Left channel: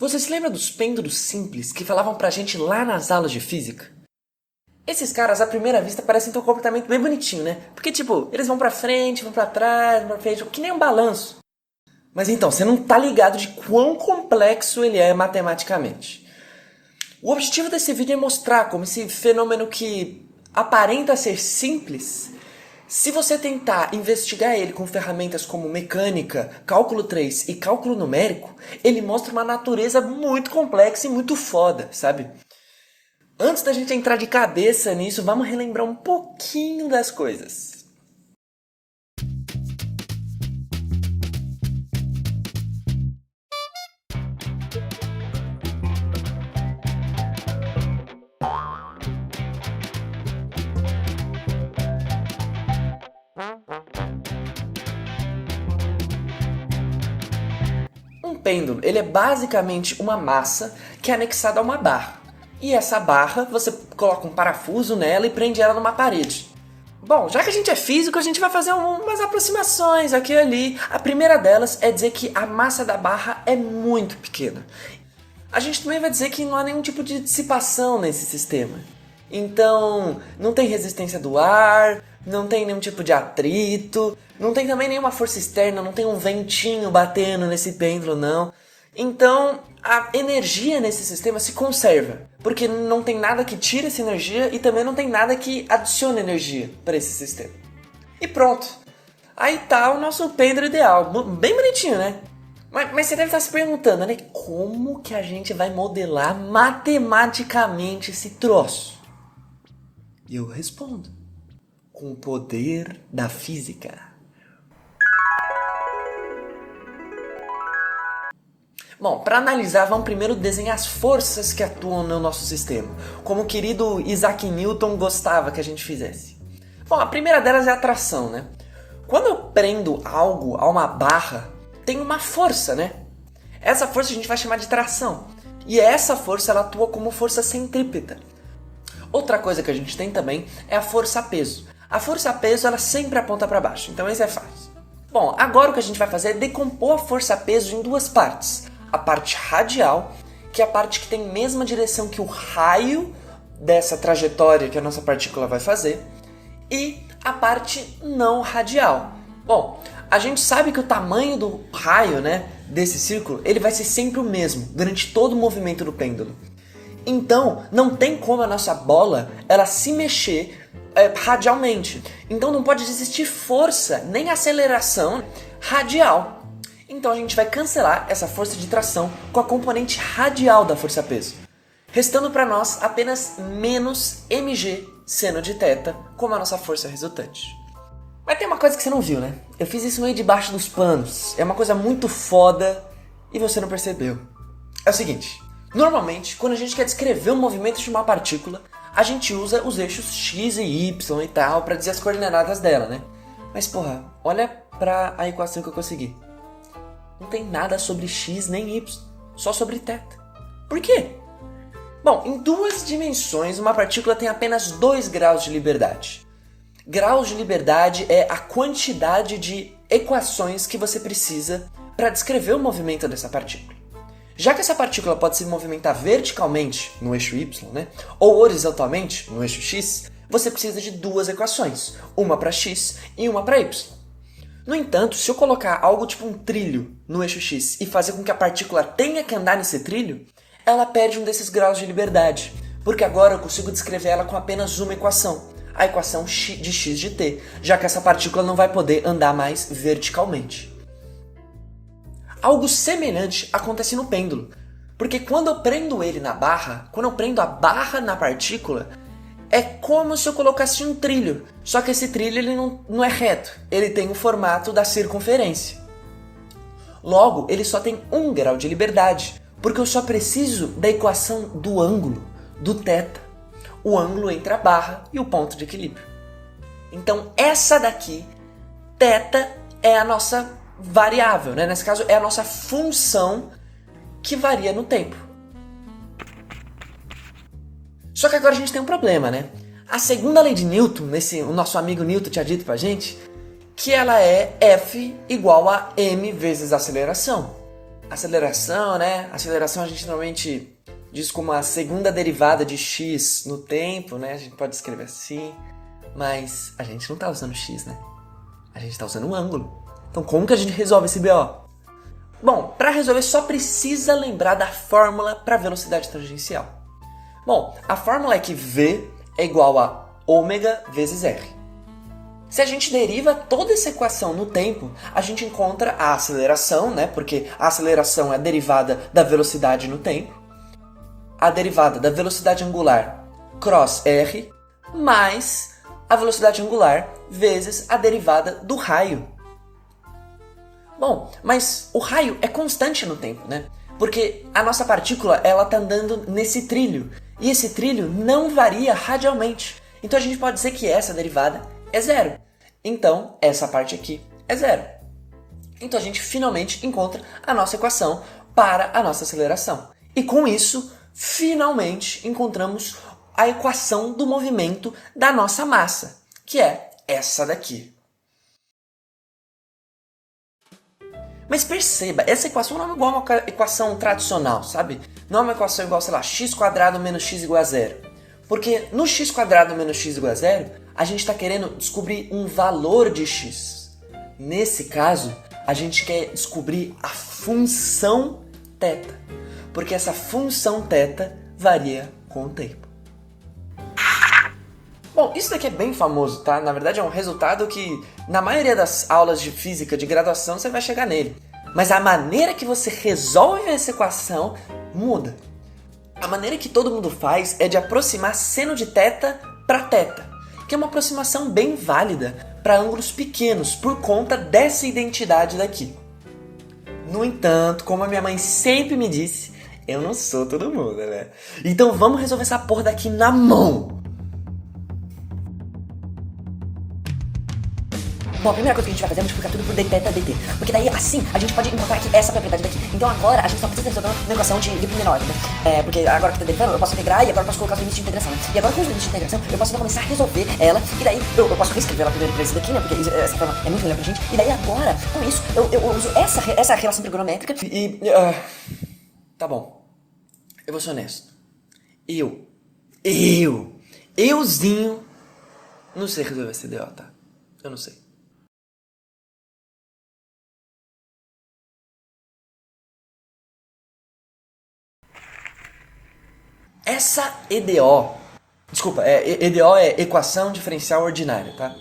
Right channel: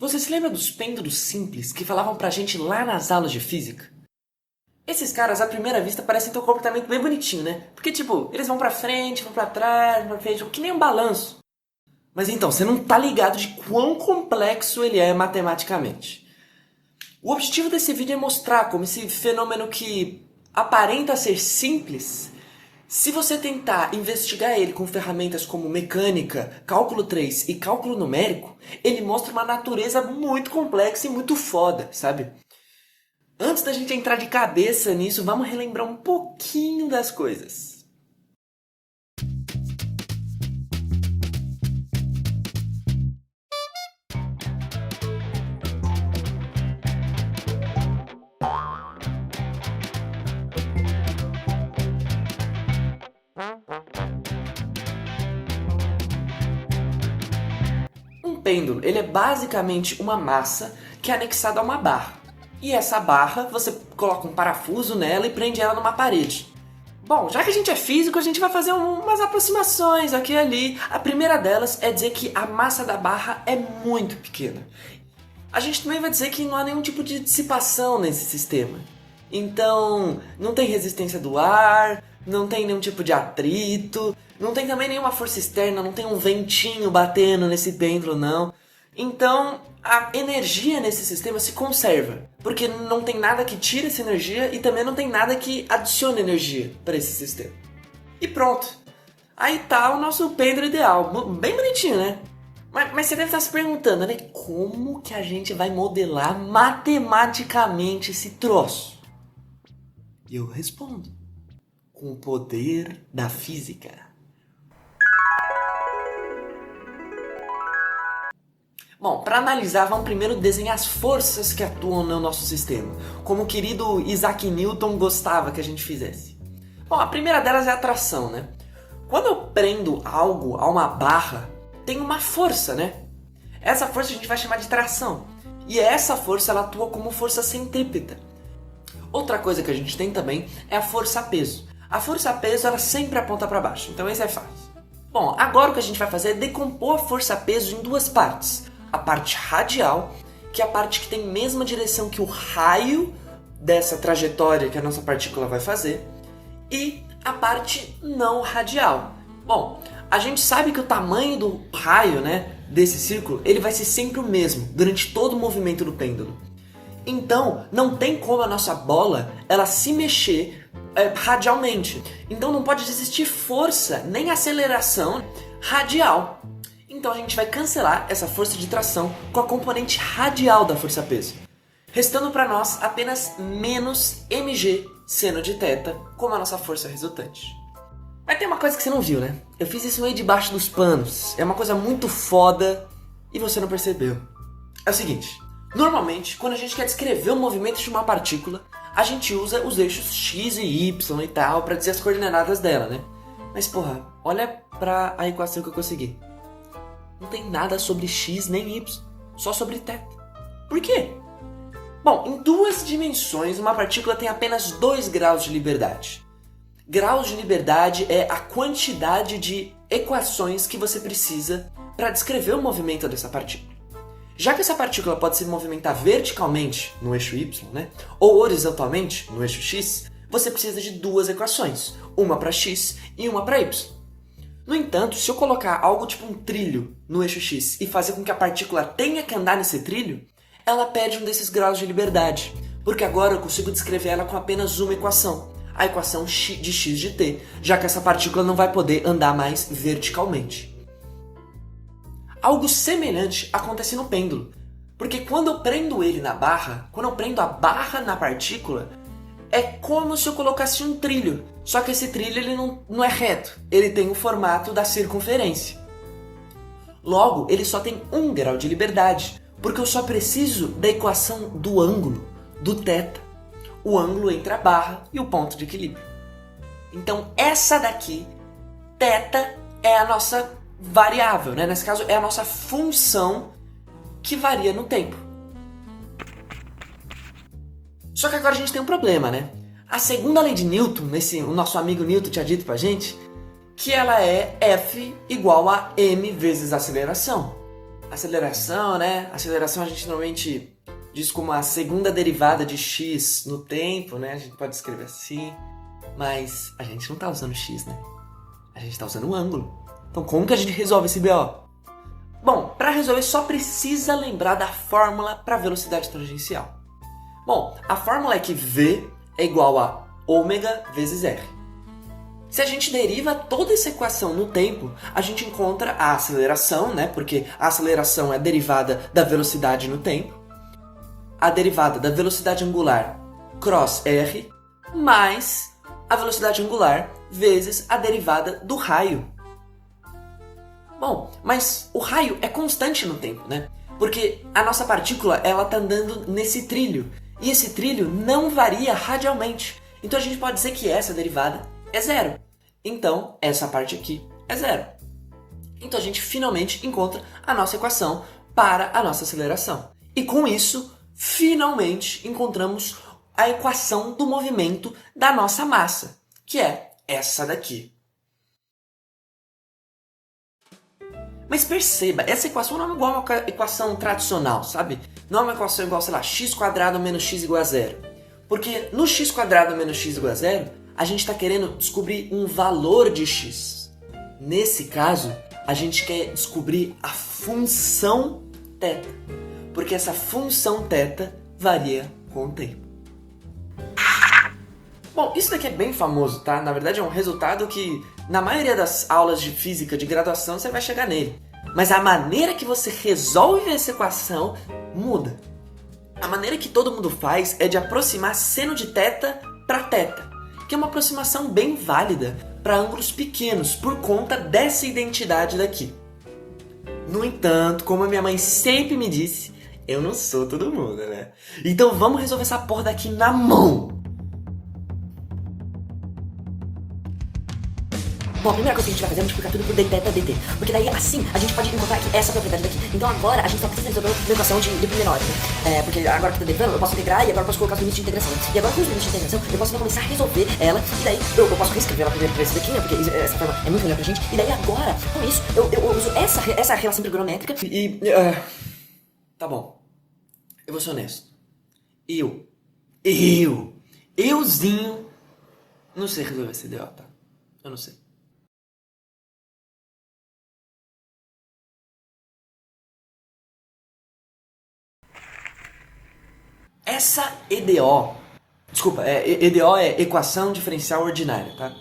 Você se lembra dos pêndulos simples que falavam pra gente lá nas aulas de física? Esses caras, à primeira vista, parecem ter um comportamento bem bonitinho, né? Porque, tipo, eles vão pra frente, vão pra trás, vão pra frente, que nem um balanço. Mas então, você não tá ligado de quão complexo ele é matematicamente. O objetivo desse vídeo é mostrar como esse fenômeno que aparenta ser simples, se você tentar investigar ele com ferramentas como mecânica, cálculo 3 e cálculo numérico, ele mostra uma natureza muito complexa e muito foda, sabe? Antes da gente entrar de cabeça nisso, vamos relembrar um pouquinho das coisas. Um pêndulo, ele é basicamente uma massa que é anexada a uma barra. E essa barra, você coloca um parafuso nela e prende ela numa parede. Bom, já que a gente é físico, a gente vai fazer umas aproximações aqui e ali. A primeira delas é dizer que a massa da barra é muito pequena. A gente também vai dizer que não há nenhum tipo de dissipação nesse sistema. Então, não tem resistência do ar, não tem nenhum tipo de atrito, não tem também nenhuma força externa, não tem um ventinho batendo nesse pêndulo, não. Então, a energia nesse sistema se conserva, porque não tem nada que tire essa energia e também não tem nada que adicione energia para esse sistema. E pronto. Aí tá o nosso pêndulo ideal. Bem bonitinho, né? Mas você deve estar se perguntando, né? Como que a gente vai modelar matematicamente esse troço? E eu respondo. Com o poder da física. Bom, para analisar, vamos primeiro desenhar as forças que atuam no nosso sistema, como o querido Isaac Newton gostava que a gente fizesse. Bom, a primeira delas é a atração, né? Quando eu prendo algo a uma barra, tem uma força, né? Essa força a gente vai chamar de tração. E essa força ela atua como força centrípeta. Outra coisa que a gente tem também é a força-peso. A força-peso ela sempre aponta para baixo, então isso é fácil. Bom, agora o que a gente vai fazer é decompor a força-peso em duas partes. A parte radial, que é a parte que tem a mesma direção que o raio dessa trajetória que a nossa partícula vai fazer, e a parte não radial. Bom, a gente sabe que o tamanho do raio, né, desse círculo, ele vai ser sempre o mesmo durante todo o movimento do pêndulo. Então, não tem como a nossa bola ela se mexer radialmente. Então não pode existir força nem aceleração radial. Então a gente vai cancelar essa força de tração com a componente radial da força-peso, restando para nós apenas menos mg seno de θ como a nossa força resultante. Mas tem uma coisa que você não viu, né? Eu fiz isso meio debaixo dos panos. É uma coisa muito foda e você não percebeu. É o seguinte, normalmente quando a gente quer descrever o movimento de uma partícula, a gente usa os eixos x e y e tal para dizer as coordenadas dela, né? Mas porra, olha para a equação que eu consegui. Não tem nada sobre x nem y, só sobre θ. Por quê? Bom, em duas dimensões uma partícula tem apenas 2 graus de liberdade. Graus de liberdade é a quantidade de equações que você precisa para descrever o movimento dessa partícula. Já que essa partícula pode se movimentar verticalmente no eixo y, né, ou horizontalmente no eixo x, você precisa de 2 equações, uma para x e uma para y. No entanto, se eu colocar algo tipo um trilho no eixo x e fazer com que a partícula tenha que andar nesse trilho, ela perde um desses graus de liberdade, porque agora eu consigo descrever ela com apenas uma equação, a equação de x de t, já que essa partícula não vai poder andar mais verticalmente. Algo semelhante acontece no pêndulo, porque quando eu prendo ele na barra, quando eu prendo a barra na partícula, é como se eu colocasse um trilho, só que esse trilho ele não é reto, ele tem o formato da circunferência. Logo, ele só tem 1 grau de liberdade, porque eu só preciso da equação do ângulo, do θ, o ângulo entre a barra e o ponto de equilíbrio. Então essa daqui, θ, é a nossa variável, né? Nesse caso é a nossa função que varia no tempo. Só que agora a gente tem um problema, né? A segunda lei de Newton, o nosso amigo Newton tinha dito pra gente, que ela é F igual a m vezes a aceleração. aceleração, né? Aceleração a gente normalmente diz como a segunda derivada de x no tempo, né? A gente pode escrever assim, mas a gente não tá usando x, né? A gente tá usando um ângulo. Então como que a gente resolve esse BO? Bom, para resolver só precisa lembrar da fórmula para velocidade tangencial. Bom, a fórmula é que v é igual a ômega vezes r. Se a gente deriva toda essa equação no tempo, a gente encontra a aceleração, né? Porque a aceleração é a derivada da velocidade no tempo, a derivada da velocidade angular cross r, mais a velocidade angular vezes a derivada do raio. Bom, mas o raio é constante no tempo, né? Porque a nossa partícula, ela tá andando nesse trilho, e esse trilho não varia radialmente. Então a gente pode dizer que essa derivada é zero. Então, essa parte aqui é zero. Então a gente finalmente encontra a nossa equação para a nossa aceleração. E com isso, finalmente encontramos a equação do movimento da nossa massa, que é essa daqui. Mas perceba, essa equação não é igual a uma equação tradicional, sabe? Não é uma equação igual, sei lá, x² menos x igual a zero. Porque no x² menos x igual a zero, a gente está querendo descobrir um valor de x. Nesse caso, a gente quer descobrir a função θ. Porque essa função θ varia com o tempo. Bom, isso daqui é bem famoso, tá? Na verdade é um resultado que, na maioria das aulas de física de graduação, você vai chegar nele. Mas a maneira que você resolve essa equação muda. A maneira que todo mundo faz é de aproximar seno de θ para θ, que é uma aproximação bem válida para ângulos pequenos, por conta dessa identidade daqui. No entanto, como a minha mãe sempre me disse, eu não sou todo mundo, né? Então vamos resolver essa porra daqui na mão! Bom, a primeira coisa que a gente vai fazer é multiplicar tudo por dθ dt. Porque daí, assim, a gente pode encontrar aqui essa propriedade daqui. Então agora a gente só precisa resolver uma equação de menor, né? Porque agora que eu tô derivando, eu posso integrar e agora eu posso colocar os limites de integração. Né? E agora com os limites de integração, eu posso começar a resolver ela. E daí eu posso reescrever ela primeiro por esse daqui, né? Porque essa forma é muito melhor pra gente. E daí agora, com isso, eu uso essa relação trigonométrica. Tá bom. Eu vou ser honesto. Euzinho, não sei resolver esse DO, tá? Eu não sei. Essa EDO, desculpa, EDO é equação diferencial ordinária, tá?